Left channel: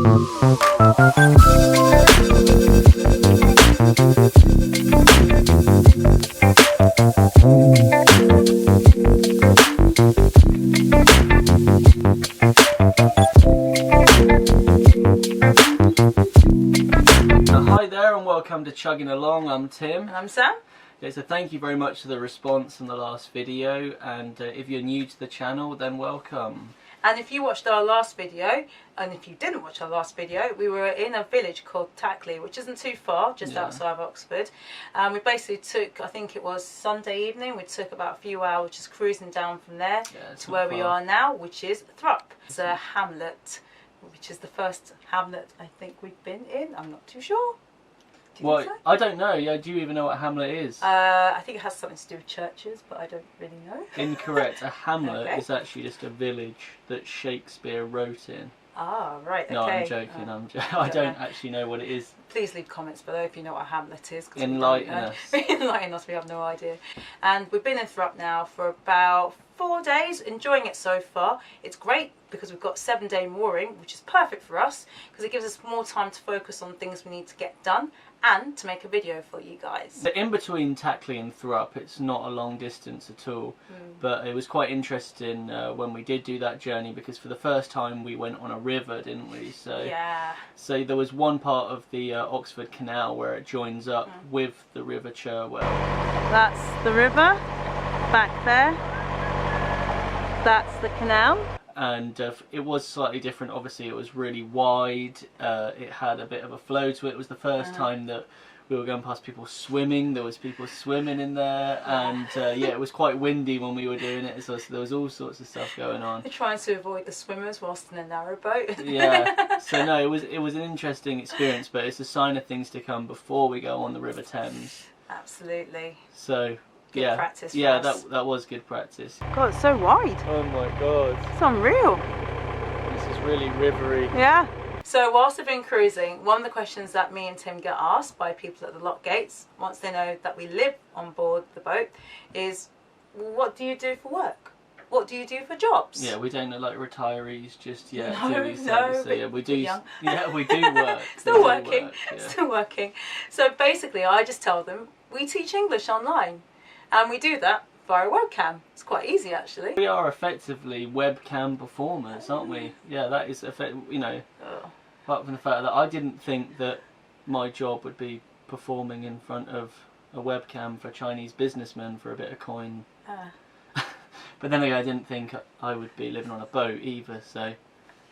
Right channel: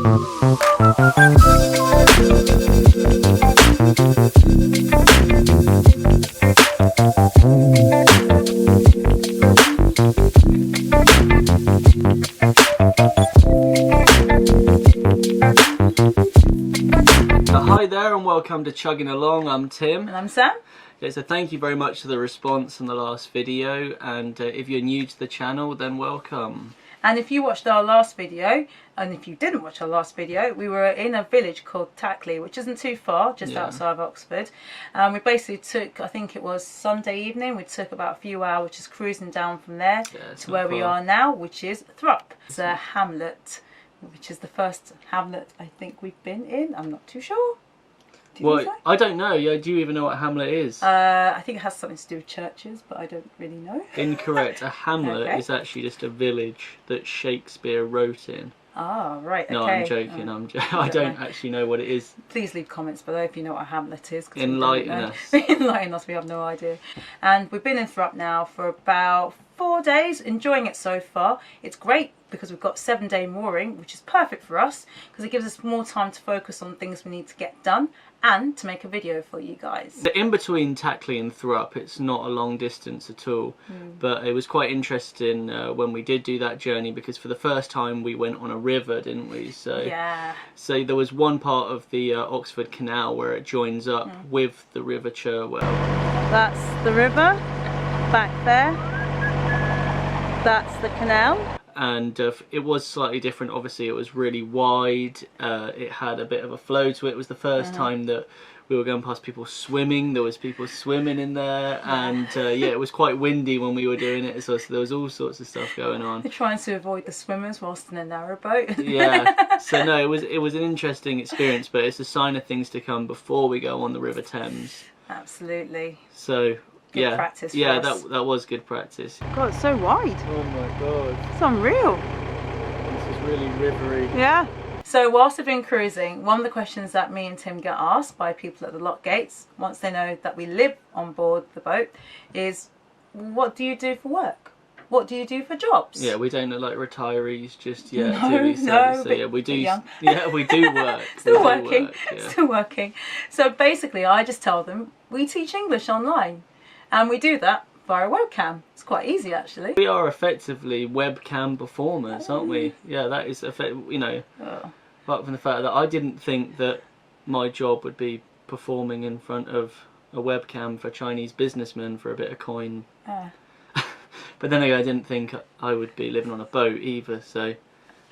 Hi there and welcome to Chugging Along. I'm Tim. And I'm Sam. Okay, so thank you very much for the response on the last video, and if you're new to the channel, then welcome. And if you watched our last video, and if you didn't watch our last video, we were in a village called Tackley, which isn't too far, just outside of Oxford. We basically took, I think it was Sunday evening, we took about a few hours just cruising down from there to where we are now, which is Thrupp. It's a hamlet, which is the first hamlet I think we've been in. I'm not too sure. Well, I don't know. Yeah, do you even know what a hamlet is? I think it has something to do with churches, but I don't really know. Incorrect. A hamlet is actually just a village that Shakespeare wrote in. Ah, right, okay. No, I'm joking. I don't actually know what it is. Please leave comments below if you know what a hamlet is. Enlighten us. Enlighten us, we have no idea. And we've been in Thrupp now for about 4 days, enjoying it so far. It's great because we've got 7-day mooring, which is perfect for us because it gives us more time to focus on things we need to get done and to make a video for you guys. So in between Tackley and Thrupp, it's not a long distance at all, but it was quite interesting when we did do that journey because for the first time we went on a river, didn't we? So yeah. So there was one part of the Oxford Canal where it joins up with the River Cherwell. That's the river back there. That's the canal. And it was slightly different. Obviously it was really wide, it had a bit of a flow to it. It was the first time that we were going past people swimming. There was people swimming in there, and yeah, it was quite windy when we were doing it, so there was all sorts of stuff going on. They're trying to avoid the swimmers whilst in a narrowboat. Yeah, so no, it was an interesting experience, but it's a sign of things to come before we go on the River Thames. Absolutely. So good practice for us. that was good practice. God, it's so wide. Oh my god, it's unreal. This is really rivery. Yeah. So whilst we've been cruising, one of the questions that me and Tim get asked by people at the lock gates, once they know that we live on board the boat, is what do you do for work? What do you do for jobs? Yeah, we don't look like retirees just yet, no, do we? No, so yeah, we do. Young. Yeah, we do work. Still working. Still working. So basically, I just tell them we teach English online, and we do that via a webcam. It's quite easy, actually. We are effectively webcam performers, aren't we? Yeah, that is you know. Apart from the fact that I didn't think that my job would be performing in front of a webcam for Chinese businessmen for a bit of coin. But then again, I didn't think I would be living on a boat either, so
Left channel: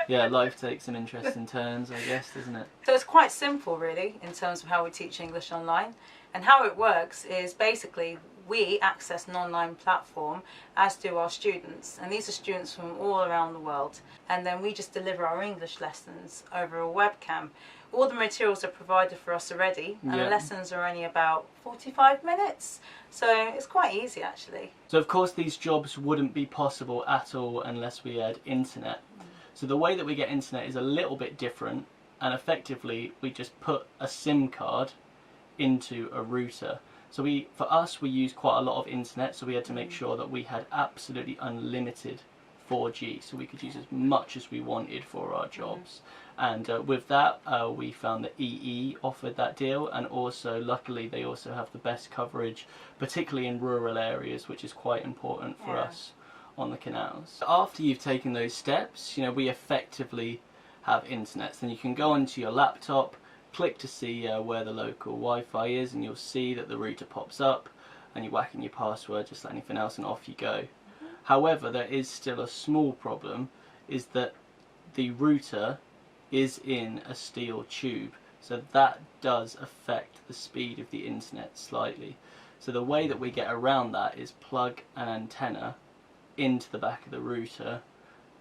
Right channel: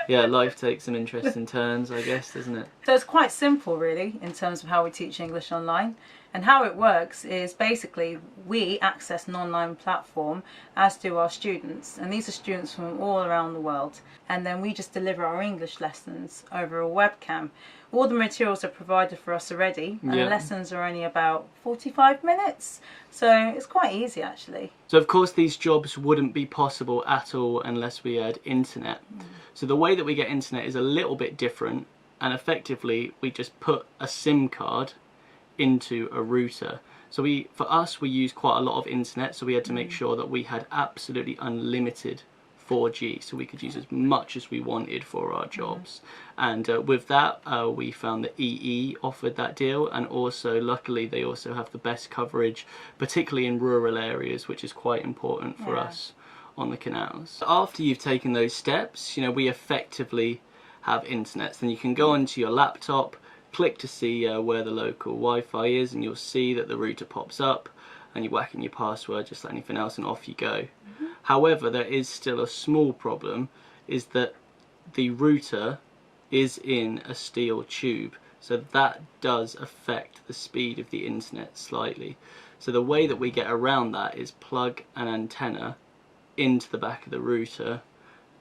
yeah, life takes some interesting turns, I guess, doesn't it? So it's quite simple, really, in terms of how we teach English online. And how it works is basically we access an online platform, as do our students. And these are students from all around the world. And then we just deliver our English lessons over a webcam. All the materials are provided for us already, and the lessons are only about 45 minutes. So it's quite easy, actually. So of course these jobs wouldn't be possible at all unless we had internet. So the way that we get internet is a little bit different, and effectively we just put a SIM card into a router. So for us we use quite a lot of internet, so we had to make sure that we had absolutely unlimited 4G, so we could use as much as we wanted for our jobs. And with that we found that EE offered that deal, and also luckily they also have the best coverage, particularly in rural areas, which is quite important for us on the canals. After you've taken those steps, you know, we effectively have internet. So then you can go onto your laptop, click to see where the local Wi-Fi is, and you'll see that the router pops up, and you whack in your password just like anything else and off you go. However, there is still a small problem, is that the router is in a steel tube, so that does affect the speed of the internet slightly. So the way that we get around that is plug an antenna into the back of the router,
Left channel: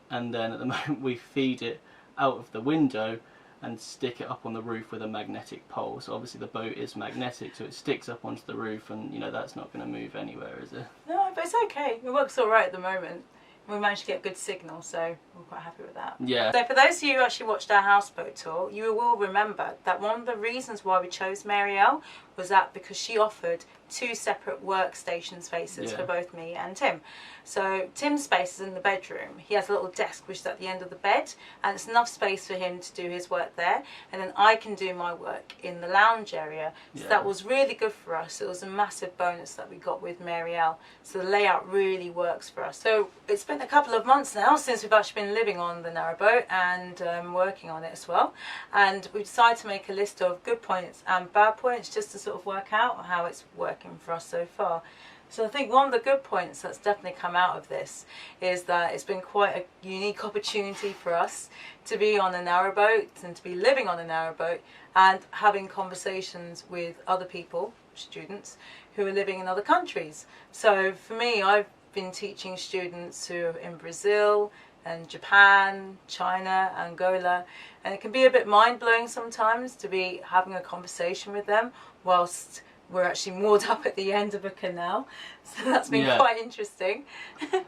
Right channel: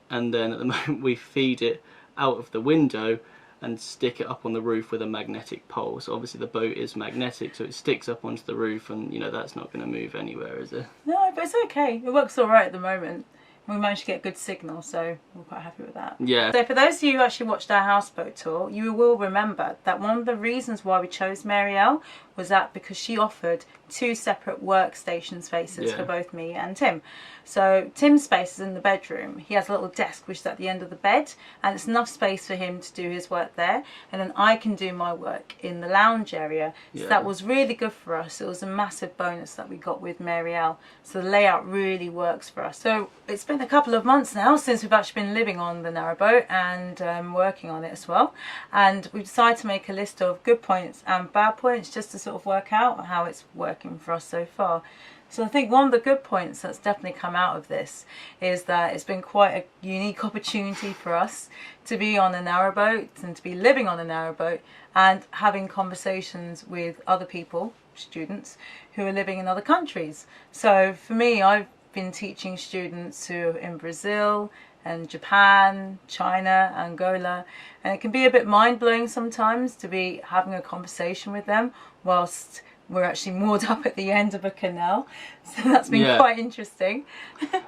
and then at the moment we feed it out of the window and stick it up on the roof with a magnetic pole. So obviously the boat is magnetic, so it sticks up onto the roof, and you know that's not going to move anywhere, is it? No, but it's okay. It works all right at the moment. We managed to get a good signal, so we're quite happy with that. Yeah. So for those of you who actually watched our houseboat tour, you will remember that one of the reasons why we chose Marielle was that because she offered 2 separate workstation spaces for both me and Tim. So Tim's space is in the bedroom. He has a little desk which is at the end of the bed, and it's enough space for him to do his work there, and then I can do my work in the lounge area. So that was really good for us. It was a massive bonus that we got with Marielle. So the layout really works for us. So it's been a couple of months now since we've actually been living on the Narrowboat and working on it as well, and we decided to make a list of good points and bad points just to sort of work out how it's working for us so far. So I think one of the good points that's definitely come out of this is that it's been quite a unique opportunity for us to be on a narrowboat and to be living on a narrowboat and having conversations with other people, students, who are living in other countries. So for me, I've been teaching students who are in Brazil and Japan, China, Angola, and it can be a bit mind-blowing sometimes to be having a conversation with them whilst we're actually moored up at the end of a canal. So that's been quite interesting.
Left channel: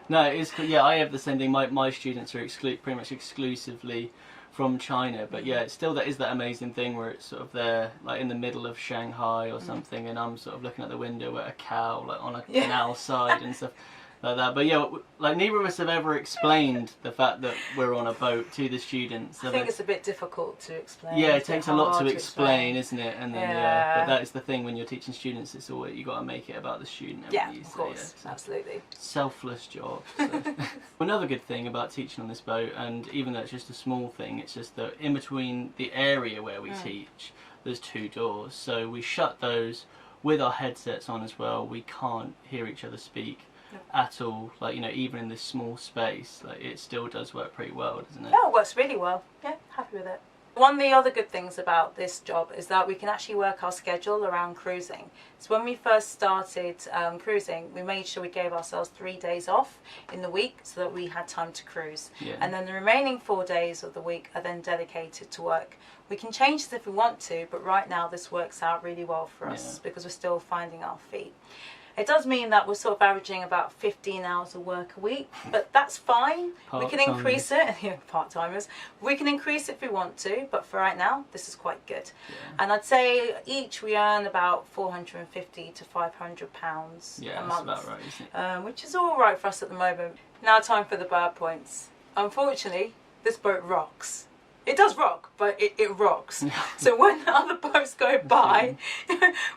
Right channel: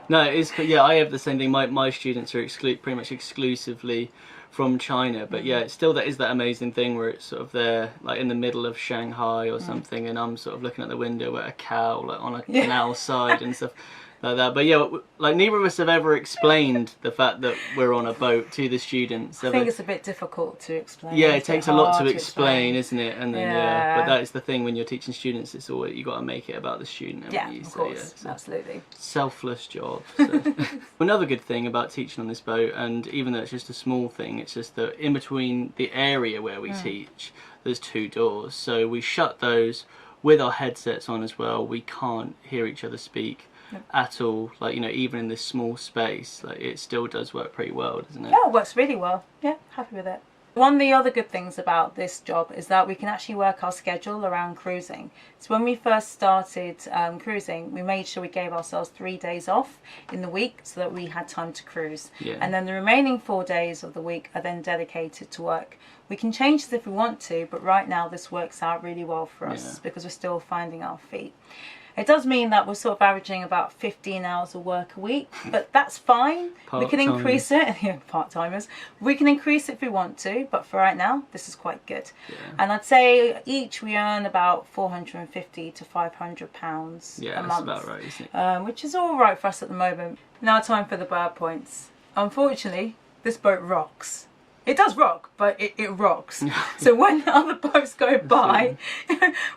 No, it is. Yeah, I have the same thing. My students are pretty much exclusively from China, but yeah, it's still that amazing thing where it's sort of there, like in the middle of Shanghai or something, and I'm sort of looking at the window at a cow, like on a canal side and stuff like that. But yeah, like neither of us have ever explained the fact that we're on a boat to the students. I think it's a bit difficult to explain. Yeah, it takes a lot to explain, isn't it? And then but that is the thing when you're teaching students. It's always you got to make it about the student. Of course, absolutely. Selfless job. So. Another good thing about teaching on this boat, and even though it's just a small thing, it's just that in between the area where we teach, there's 2 doors. So we shut those with our headsets on as well. We can't hear each other speak at all, like, you know, even in this small space, like it still does work pretty well, doesn't it? Yeah, it works really well. Yeah, happy with it. One of the other good things about this job is that we can actually work our schedule around cruising. So when we first started cruising, we made sure we gave ourselves 3 days off in the week so that we had time to cruise. And then the remaining 4 days of the week are then dedicated to work. We can change this if we want to, but right now this works out really well for us because we're still finding our feet. It does mean that we're sort of averaging about 15 hours of work a week, but that's fine. We can increase it. Part-timers. We can increase it if we want to, but for right now, this is quite good. And I'd say each we earn about £450 to £500 a month. That's about right, isn't it? Which is all right for us at the moment. Now time for the bad points. Unfortunately, this boat rocks. It does rock, but it rocks. So when other boats go by,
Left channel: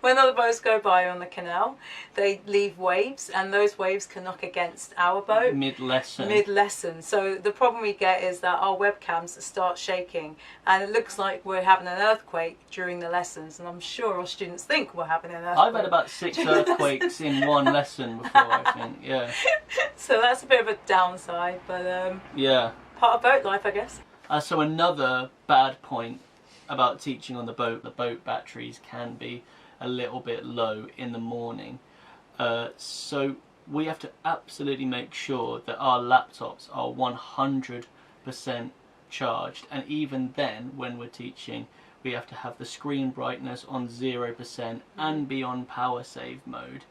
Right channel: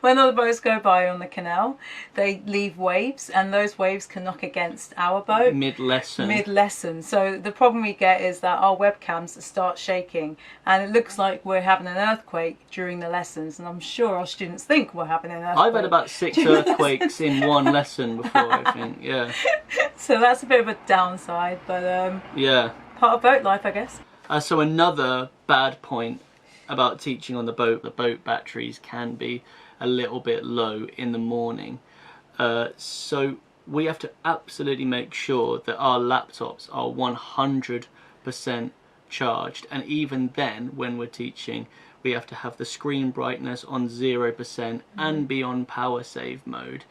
on the canal, they leave waves, and those waves can knock against our boat mid-lesson. So the problem we get is that our webcams start shaking, and it looks like we're having an earthquake during the lessons, and I'm sure our students think we're having an earthquake. I've had about 6 earthquakes in one lesson before, I think. So that's a bit of a downside, but part of boat life, I guess. So another bad point about teaching on the boat batteries can be a little bit low in the morning. So we have to absolutely make sure that our laptops are 100% charged. And even then, when we're teaching, we have to have the screen brightness on 0% and be on power save mode.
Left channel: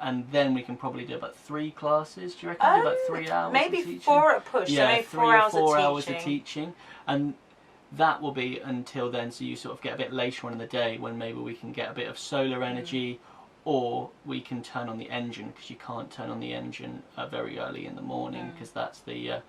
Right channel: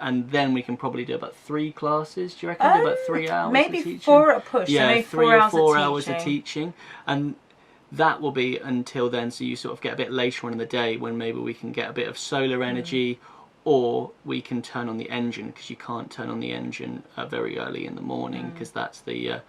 And then we can probably do about 3 classes. Do you reckon? Do about 3 hours maybe of teaching? 4 at a push. Yeah, so maybe 3 or 4 hours of teaching. And that will be until then. So you sort of get a bit later on in the day when maybe we can get a bit of solar energy, or we can turn on the engine, because you can't turn on the engine very early in the morning, because that's the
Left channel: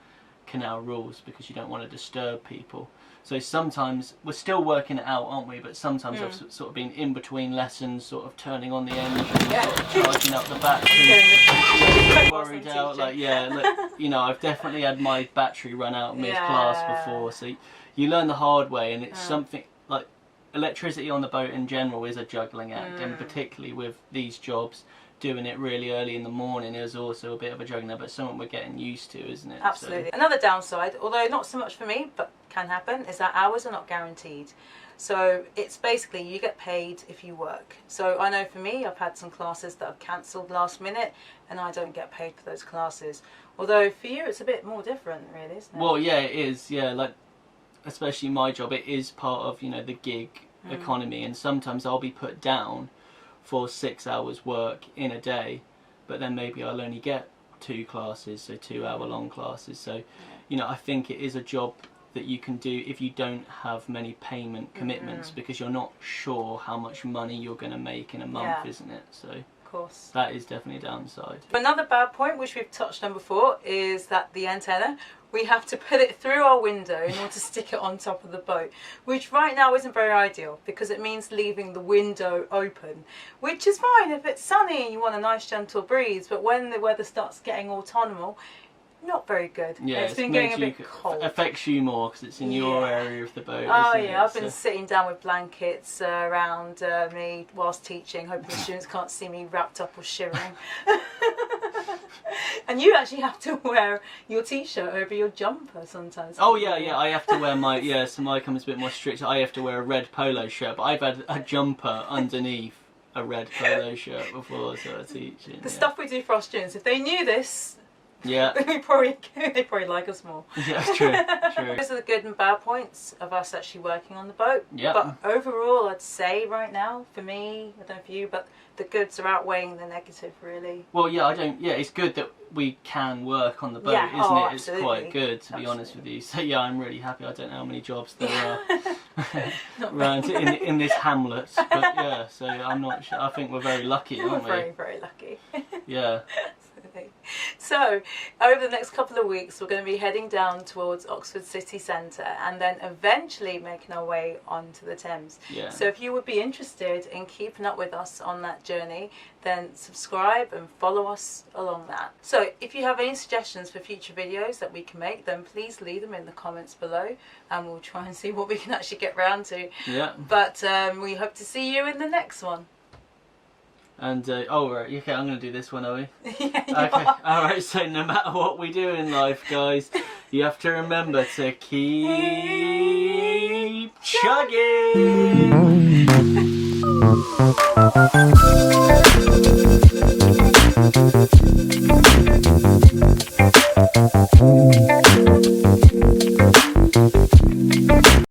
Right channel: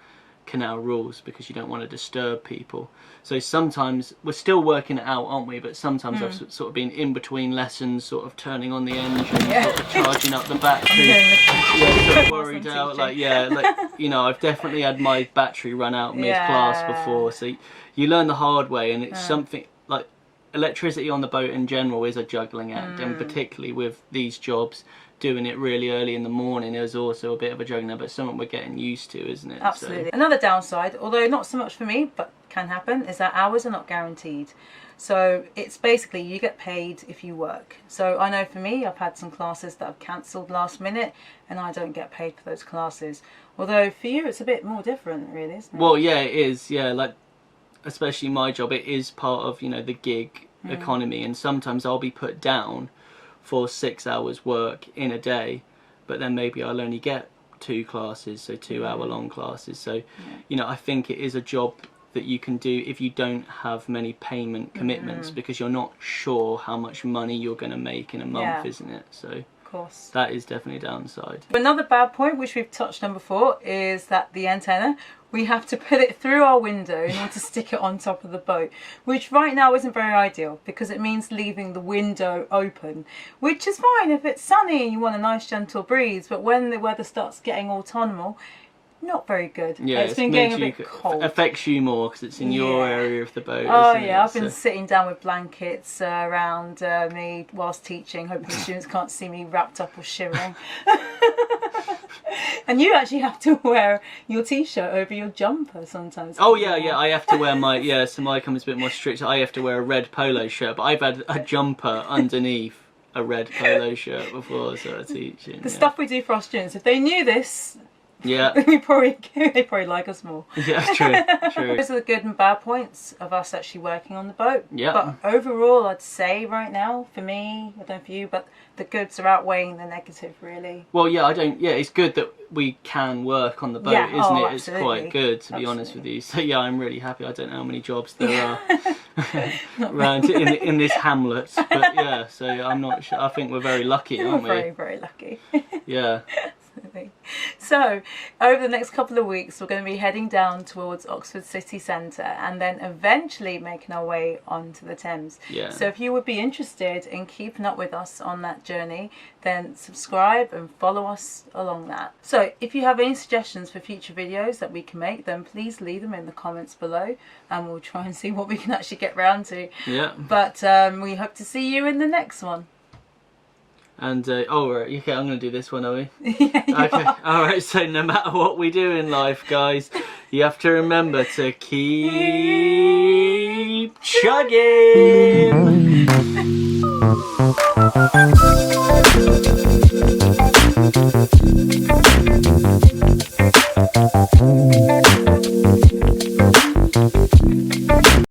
canal rules, because you don't want to disturb people. So sometimes we're still working it out, aren't we? But sometimes I've sort of been in between lessons, sort of turning on the engine, sort of charging up the battery. Worried out, like you know, I've definitely had my battery run out mid-class before. So you learn the hard way, and it's something like electricity on the boat in general is a juggling act, and particularly with these jobs, doing it really early in the morning is also a bit of a juggling, but something we're getting used to, isn't it? Absolutely. So. Another downside, although not so much for me, but can happen, is that hours are not guaranteed. So it's basically you get paid if you work. So I know for me, I've had some classes that I've cancelled last minute, and I don't get paid for those classes. Although for you, it's a bit more different, really, isn't it? Well, yeah, it is. Yeah, like especially my job, it is part of, you know, the gig economy, and sometimes I'll be put down for 6 hours work in a day, but then maybe I'll only get 2 classes, so 2 hour long classes. So you know, I think it is a job that you can do if you don't have many payment commitments, because you're not sure how much money you're going to make in a month, isn't it? So course. That is definitely a downside. Another bad point, which we've touched on before, is that the antenna, we have to put it through our window in order to stick it on top of the boat, which right now isn't very ideal because it means leaving the window open, which is fine if it's sunny and you want a nice gentle breeze, but when the weather starts getting autumnal, not very good. Yeah, it's been getting a bit cold. Affects you more because it's in your area of the boat. Oh isn't yeah, it? I've been sitting down with blankets around me whilst teaching, hoping the students can't see me wrapped up or shivering. And you actually have to wear your t-shirt over your jumper sometimes. Oh yeah, yeah. I have to wear my so my comes a bit more strict. I have to wear a red polo shirt, but I've had a jumper underneath a red polo shirt before, so I'm teaching. The stuff we do for our students, if they knew this. Yeah. they probably like us more. Yeah, true. Those are the good and bad points of us actually working on the boat. Yeah. But overall, I'd say right now, for me, I don't know for you, but the goods are outweighing the negative, really. Well, yeah, it's good that we can work on the boat, isn't it? Absolutely. It's quite good, to be honest with you. So yeah, I'm really happy. I don't know how many jobs there are around in this hamlet, but yeah, so I'm not sure. I think we're very lucky, aren't we? Very, very lucky. Yeah. So, over the next couple of weeks, we're going to be heading down towards Oxford city centre and then eventually making our way onto the Thames. Yeah. So, if you would be interested in keeping up with us on that journey, then subscribe and follow us along that. So, if you have any suggestions for future videos that we can make, then please leave them in the comments below and we'll try and see what we can actually get round to. Yeah. But we hope to see you in the next one. And right, okay, I'm going to do this one, are we? Yeah, okay, alright, so no matter what we do in life, guys, you have to remember to keep chugging!